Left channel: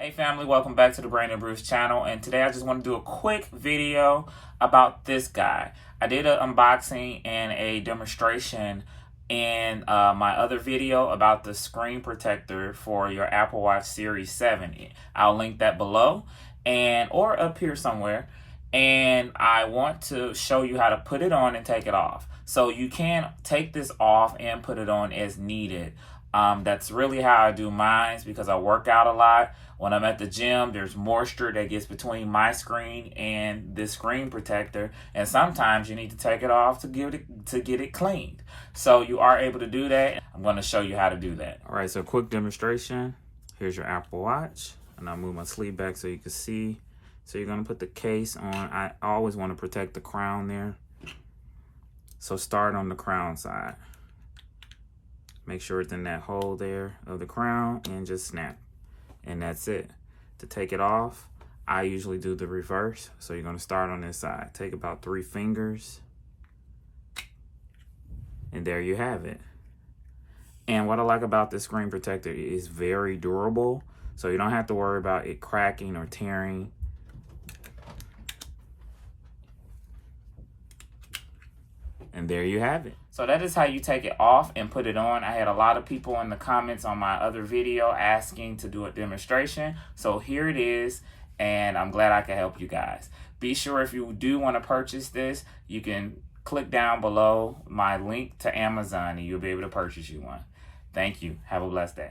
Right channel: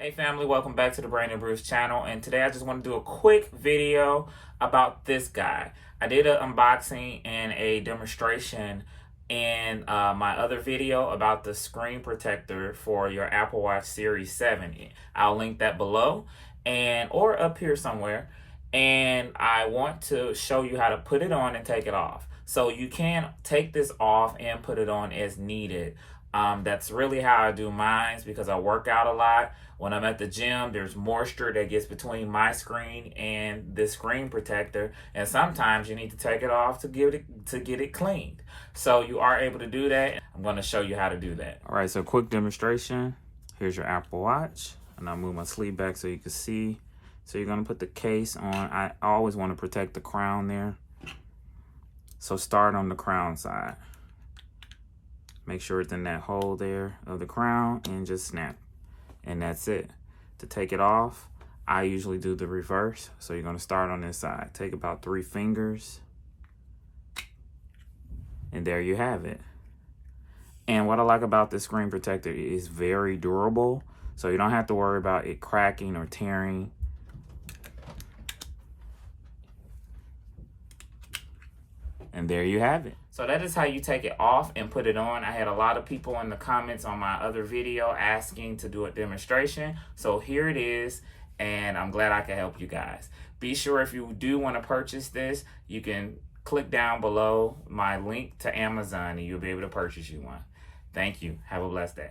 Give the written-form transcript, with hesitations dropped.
Hey family, welcome back to the Brandon Bruce channel, and today I just want to do a quick video about this guy. I did an unboxing and a demonstration in my other video about the screen protector for your Apple Watch Series 7. I'll link that below or up here somewhere, and I want to show you how to put it on and take it off. So you can take this off and put it on as needed. That's really how I do mine because I work out a lot. When I'm at the gym, there's moisture that gets between my screen and the screen protector, and sometimes you need to take it off to get it cleaned. So you are able to do that. I'm going to show you how to do that. All right, so quick demonstration. Here's your Apple Watch, and I'll move my sleeve back so you can see. So you're going to put the case on. I always want to protect the crown there. So start on the crown side. Make sure it's in that hole there of the crown and just snap. And that's it. To take it off, I usually do the reverse. So you're going to start on this side. Take about 3 fingers. And there you have it. And what I like about this screen protector is very durable. So you don't have to worry about it cracking or tearing. And there you have it. So that is how you take it off and put it on. I had a lot of people in the comments on my other video asking to do a demonstration. So here it is, and I'm glad I can help you guys. Be sure if you do want to purchase this, you can click down below my link to Amazon and you'll be able to purchase you one. Thank you. Have a blessed day.